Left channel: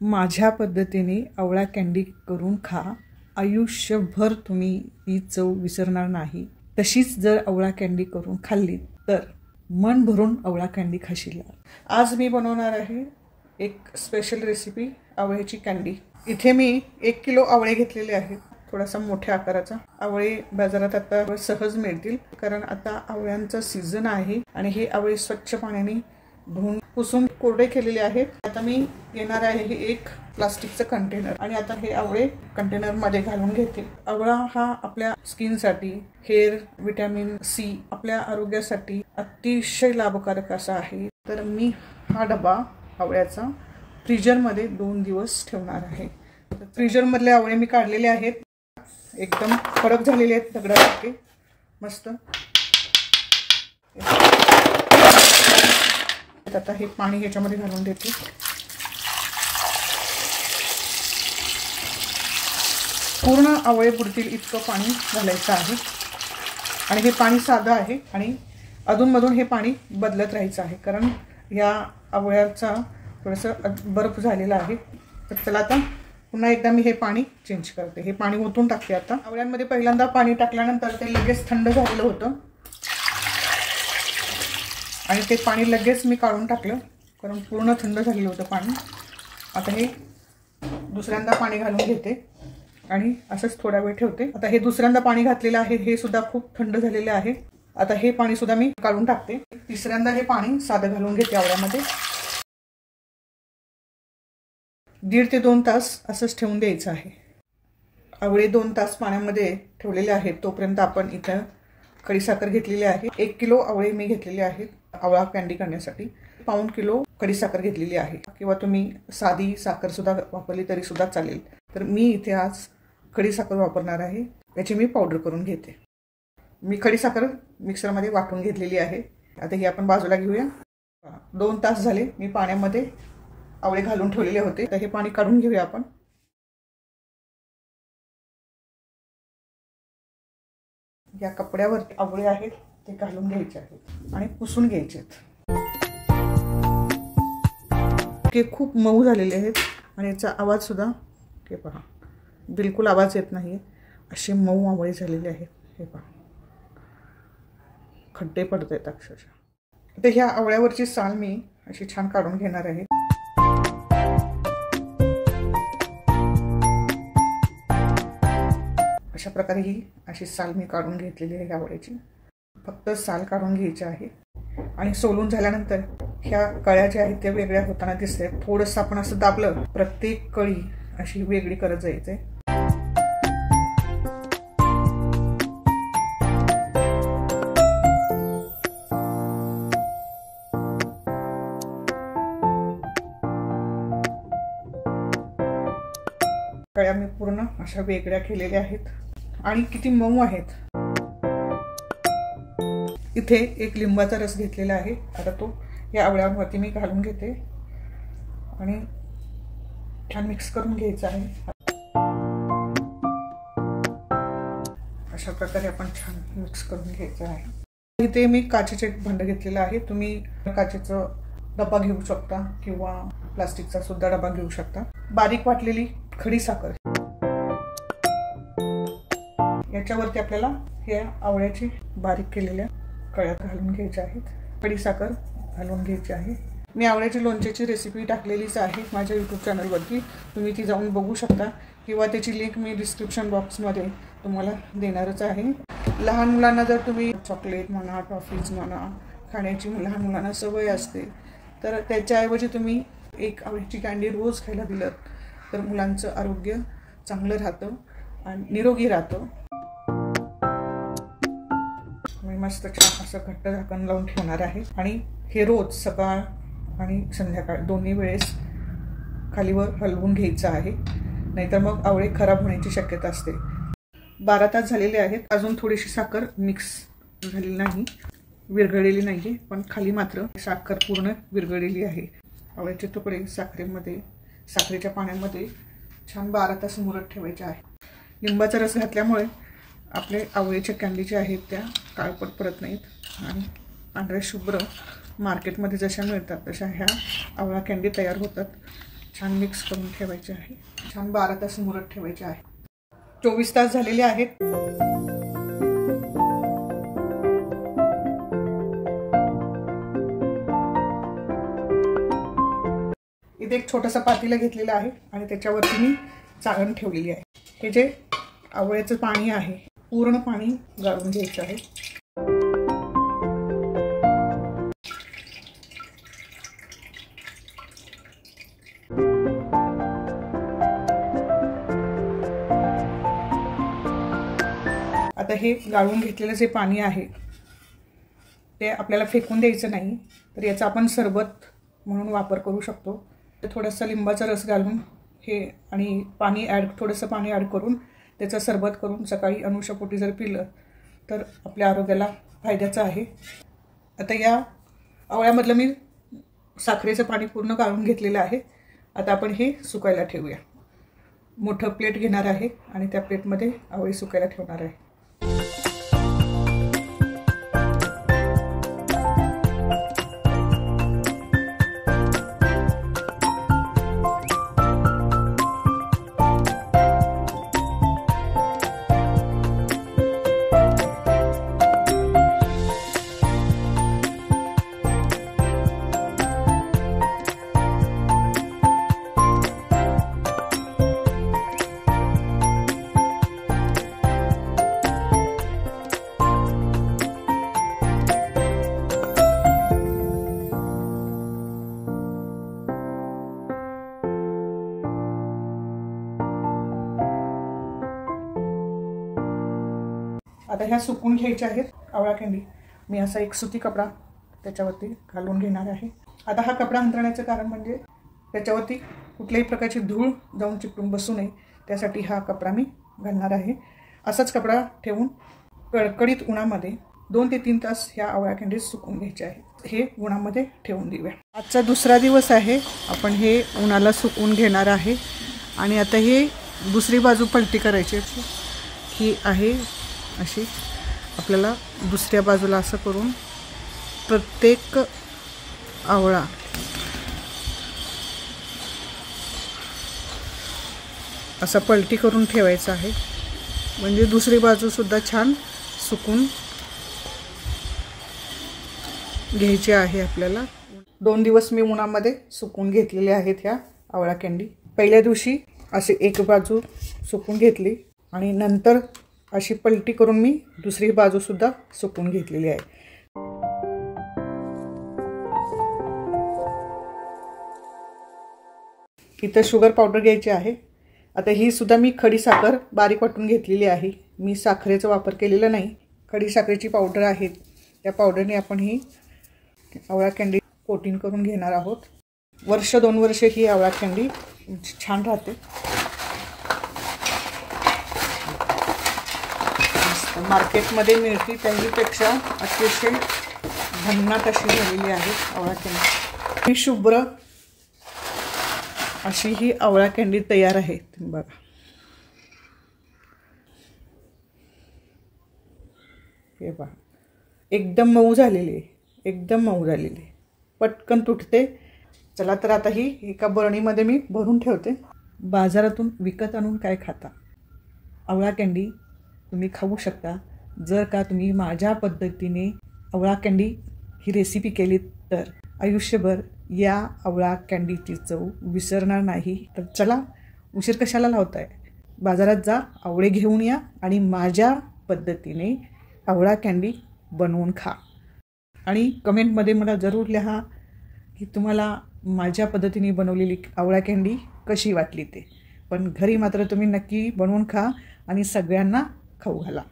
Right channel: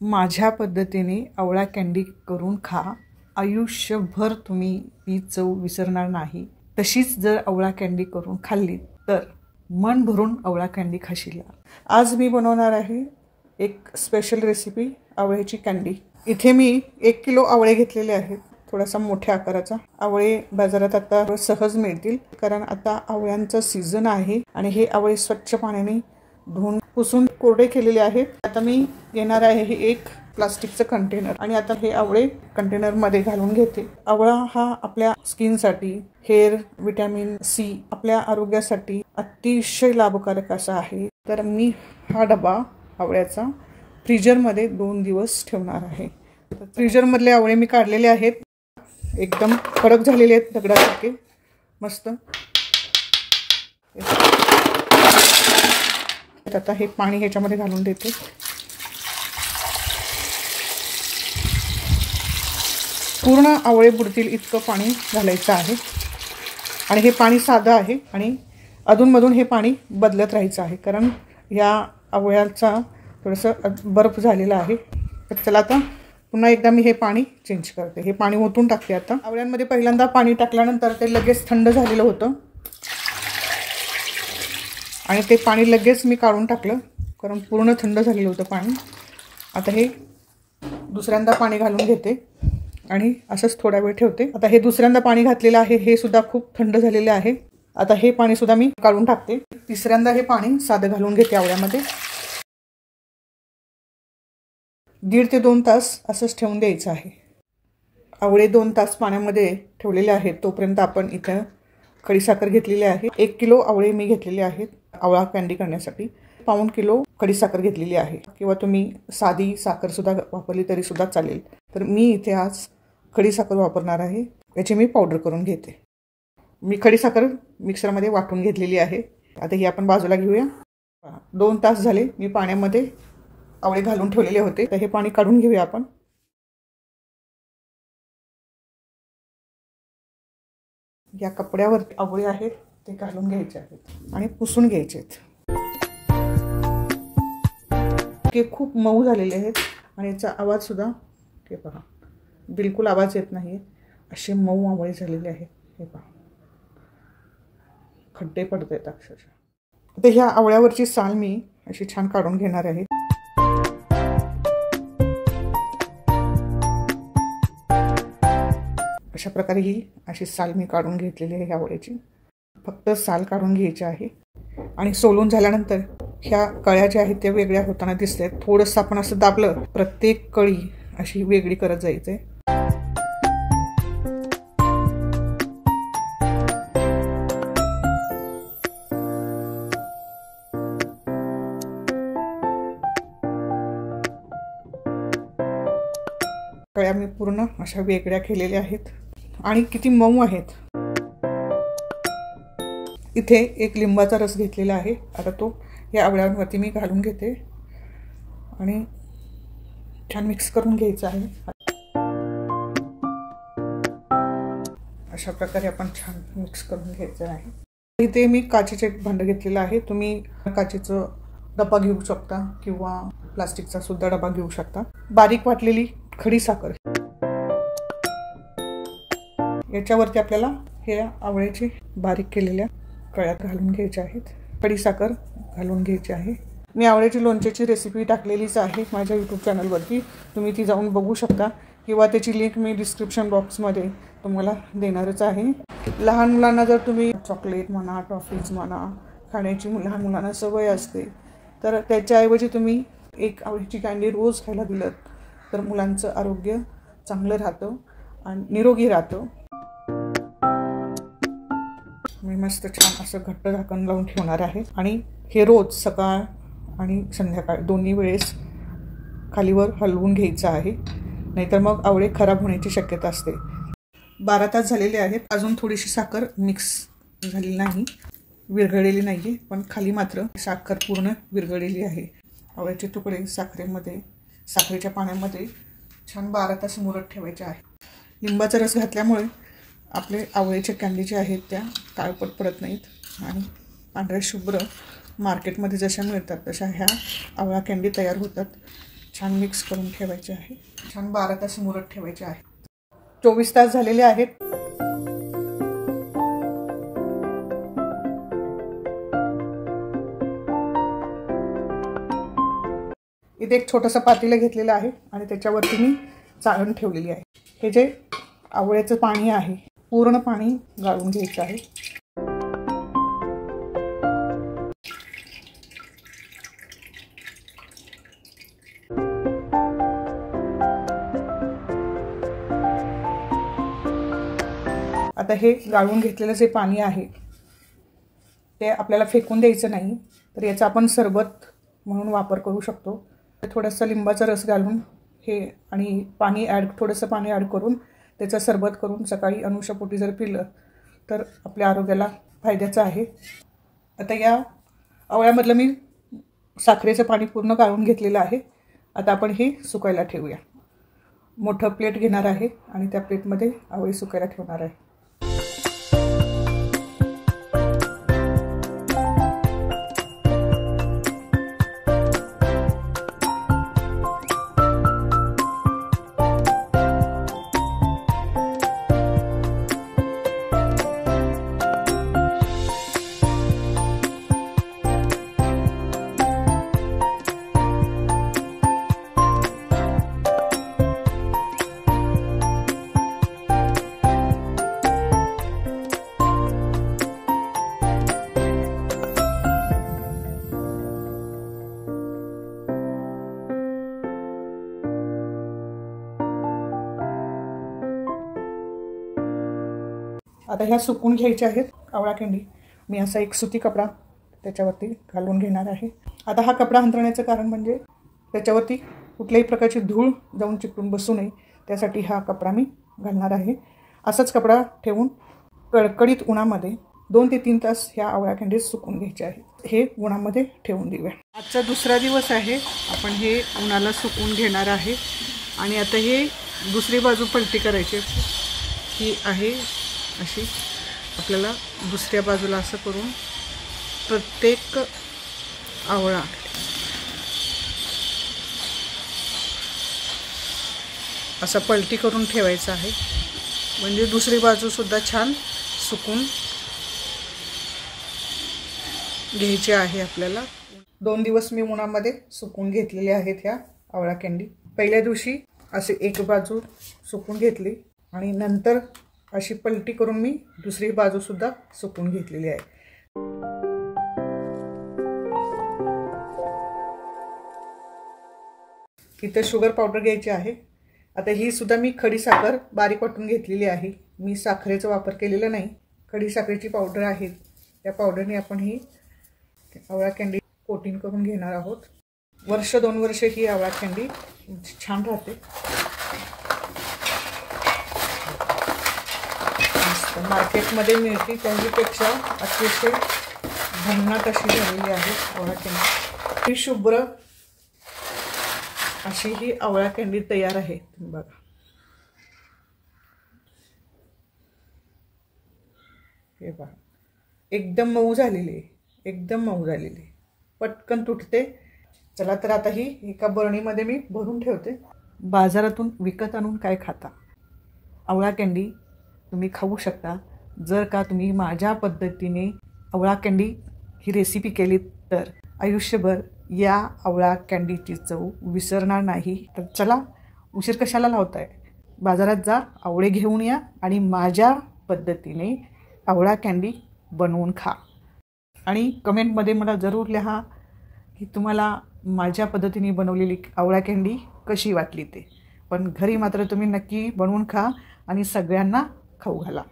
माझ्या पद्धतीने आवळा कँडी करून खा, आयुष्यभर तुम्ही ही चव विसरणार नाही। तशीच जर आवळा कँडी करून खाल्ली तर मन भरून आवळा कँडी खाशील। आज मी बनवणार आहे एक स्पेशल रेसिपी आवळ्याची कँडी। इथे मी 1 किलो आवळे घेतलेले आहेत, थोडासा मोठ्या आकाराचा। आवळे बाजारात आता सहज मिळतील कारण आता आवळ्यांचा सीजन आहे आणि हे आवळे स्वच्छ पाण्याने धुवून पुसून कोरडे केलेले आहेत। आता मी घेणार आहे हे एक प्लास्टिकचं कंटेनर आणि आता हे आवळे कंटेनर मध्ये घालून घेते। आवळा हा आपल्या स्किन साठी, हेअर, विटॅमिन सी आपल्या आरोग्यासाठी अतिशय लाभकारक असा आहे। तर मी हा डबा आवळ्याचा फ्रीजर मध्ये 2 दिवस ठेवणार आहे। फ्रीजर मधले आवळे मी काढलेले आहेत, एकदम कडक झालेले आहेत, दगडासारखे मस्त। आता हे पाणी ह्याच्यामध्ये घालून देते। पूर्ण आवळे बुडतील इतकं पाणी घालायचं आहे आणि हे पाणी साधं आहे आणि अधूनमधून हे पाणी बदलत राहायचं आहे कारण या आवळ्याचा थोडंसं बर्फ झालेला आहे। तर चला आता पुन्हा एकदा मी हे पाणी चेंज करते, हे पाणी ओतून टाकते। आता आवळ्यांमध्ये पहिल्यांदा पाणी टाकल्यानंतर ते लगेच थंड झालेलं होतं आणि ते पाणी लगेच मी काढून टाकलं कारण पूर्ण थंड झालेलं होतं पाणी। आता हे दुसऱ्यांदा पाणी घालून घेते आणि असंच थोडा वेळ ठेवते। आता हे दुसऱ्यांदा पाणी घातलेलं आहे, हे सुद्धा खूप थंड झालेले आहे। आता हे पाणी सुद्धा मी काढून टाकते। तिसऱ्यांदा हे पाणी साधं घालून घेते आवळ्यामध्ये। 1.5 ते 2 तास असंच ठेवून द्यायचं आहे। आवळे 2 तास पाण्यामध्ये ठेवलेले आहेत तोपर्यंत आपण इथं खडीसाखर घेतलेली आहे। 1 किलो आवळे मी घेतलेले आहेत आवळा कँडी करण्यासाठी। 1.5 किलो खडीसाखर घेतलेली आहे किंवा तुम्ही साधी साखर सुद्धा वापरली तरी सुद्धा चालेल। तर मी इथे आज खडीसाखर वापरणार आहे, याची मी पावडर करून घेते। मी खडीसाखर मिक्सरमध्ये वाटून घेतलेली आहे। आता ही आपण बाजूला घेऊया। 2 तास झाले मी पाण्यामध्ये आवळे घालून ठेवलेले होते, तर हे पाणी काढून घेऊया आपण। या कपड्यावर आवळे आहेत ते घालून घ्यायचे आहेत आणि पुसून घ्यायचे आहेत। हे खूप मऊ झालेले आहेत आणि याचा आवाज सुद्धा हे पहा, बिलकुल आवाज येत नाही, असे मऊ आवळे झालेले आहेत। हे पहा, खड्डे पडत आहेत अक्षरशः। आता ह्या आवळ्यावरची साल मी अशी छान काढून घेणार आहे। अशा प्रकारे ही अशी साल मी काढून घेतलेली आहे आवळ्याची। फक्त साल काढून घ्यायची आहे आणि सोलून झाल्यानंतर ह्या कळ्या ज्या आहेत त्या वेगळ्या होताना दिसतात। थोडंसं आपण असं दाबलं, प्रत्येक कळी अशी वेगळी करत जायचंय। कळ्या मी पूर्ण अशा वेगळ्या केलेल्या आहेत आणि किती मऊ आहेत। इथे एक लिंबाचा रस घेतलेला आहे, आता तो या आवळ्यांवरती मी घालून घेते आणि छान मिक्स करून घ्यायचं आहे। अशा प्रकारे आपण छान मिक्स करून घ्यायचं आहे। इथे मी काचेचे भांड घेतलेलं आहे, तुम्ही काचेचं डबा घेऊ शकता किंवा प्लास्टिकचा सुद्धा डबा घेऊ शकता। बारीक वाटलेली खडीसाखर याच्यावरती आपल्याला हे आवळ्याची बारीक केलेल्या कळ्यात घालून घ्यायच्या आहेत। खडीसाखर घालून घ्यायची आहे। मी आवळ्याची लोणच्याची रेसिपी टाकलेलीच आहे माझ्या यूट्यूब चॅनलवरती, तुम्ही ती जाऊन बघू शकता किंवा त्याची लिंक मी डिस्क्रिप्शन बॉक्समध्ये तुम्हाला देणारच आहे। लहान मुलांना जर तुम्ही चॉकलेट म्हणा, टॉफीज म्हणा खाण्याची लहान मुलांना सवय असते, तर त्याच्याऐवजी तुम्ही एक आवळ्याची कँडी रोज खायला दिलं तर मुलांचं आरोग्य चांगलं राहतं आणि निरोगी राहतं। मी मस्त छान असं घट्ट झाकण लावून ठेवणार आहे आणि हे रोज सकाळ आणि संध्याकाळ दोन्ही वेळेस खालीवर हलवून घ्यायचं आहे, नाहीतर मग आवळे खराब होण्याची शक्यता असते। 12 तास झालेले आहेत, अजून थोडीशी साखर मिक्स झालेली नाही, विरघळलेली नाहीये, पण खाली मात्र साखर पूर्ण विरघळलेली आहे। आवळ्याचे तुकडे साखरेच्या पाण्यामध्ये छान 12 तास मुरत ठेवायचे आहे। लिंबाचा रस घातल्यामुळे आपले आवळ्याच्या कँडी ज्या आहेत त्या काळपट पडत नाहीत आणि पांढऱ्या शुभ्र मार्केटमध्ये जशा मिळतात तशा ह्या आवळा कँडी तयार होतात। छान मिक्स करून ठेवायचे आहे. छान 12 तास मुरत ठेवायचे आहे. 24 तास झालेले आहेत. इथे एक छोटंसं पातेलं घेतलेलं आहे आणि त्याच्यावरती मी चाळण ठेवलेली आहे. हे जे आवळ्याचं पाणी आहे पूर्ण पाणी गाळून घ्यायचं आहे. आता हे गाळून घेतलेलं जे पाणी आहे ते आपल्याला फेकून द्यायचं नाही, तर याचा आपण सरबत म्हणून वापर करू शकतो. थोडासा लिंबाचा रस घालून हे आणि पाणी थोडंसं पाणी ॲड करून त्याचं सरबत करून सकाळी अनुषापोटी जर पिलं तर आपल्या आरोग्याला फायद्याचं आहे. आता या आवळ्यामधलं मी साखरेचं पाणी पूर्ण गाळून घेतलेलं आहे. आता आपण हे सुकायला ठेवूया. मोठं प्लेट घेणार आहे आणि त्या प्लेटमध्ये आवळे सुकायला ठेवणार आहे. आता ह्या सुकून घ्यायच्या आहेत आवळा कँडी. मी असा एक सुती कपडा त्याच्यावरती घालून घेणार आहे. आता हा कपडा अंथरण्याचं कारण म्हणजे त्याच्यावरती कुठल्याही प्रकारची धूळ जाऊन चिकटून बसू नये, त्यासाठी हा कपडा मी घालणार आहे. असाच कपडा ठेवून कडकडीत उन्हामध्ये 2 ते 3 तास ह्या आवळा कँडी सुकून घ्यायचे आहेत. हे उन्हामध्ये ठेवून देऊया. आजचा दुसरा दिवस आहे. आपण हे उन्हाला सुकवून घेणार आहे आणि आता हे दुसरी बाजू पलटी करायची. ही आहे अशी, आपल्याला दुसऱ्या बाजूला असं करून प्रत्येक आवळा असा पलटी करून ठेवायचा आहे, म्हणजे दुसरी बाजूसुद्धा छान सुकून घ्यायची आहे आपल्याला. 2 दिवस मी उन्हामध्ये सुकून घेतलेले आहेत ह्या आवळा कँडी. पहिल्या दिवशी अशी एक बाजू सुकून घेतली आणि नंतर अशी पलटी करून मी दुसरी बाजूसुद्धा सुकून घेतलेली आहे. इथं शुगर पावडर घ्यायची आहे. आता ही सुद्धा मी खडी साखर बारीक वाटून घेतलेली आहे. मी साखरेचा वापर केलेला नाही, खडी साखरेची पावडर आहे. त्या पावडरने आपण ही आवळा कँडी कोटिंग करून घेणार आहोत. 1-2 वर्ष ही आवळा कँडी छान राहते. मार्केटमध्ये मिळते त्याच्यापेक्षा अतिशय भिन्नत अशी दिलेली आहे आवळा कँडी. ही शुभ्र अशी ही आवळा कँडी तयार आहे. बघा, हे पहा, एकदम मऊ झालेली आहे, एकदम मऊ झालेली, पटकन तुटते. चला तर आता ही एका बरणीमध्ये मी भरून ठेवते. बाजारातून विकत आणून काय खाता, आवळा कँडी तुम्ही खाऊ शकता. जर का तुम्ही माझ्या पद्धतीने आवळा कँडी ही रेसिपी केली तर आयुष्यभर या आवळा कँडीची चव विसरणार नाही. तर चला, उशीर कशाला लावताय, बाजारात जा, आवळे घेऊन या आणि माझ्या पद्धतीने आवळा कँडी बनवून खा. आणि कमेंटमध्ये मला जरूर लिहा की तुम्हाला माझ्या पद्धतीने बनवलेली आवळा कँडी कशी वाटली ते. पण घरी मात्र तुम्ही नक्की बनवून खा आणि सगळ्यांना खाऊ घाला.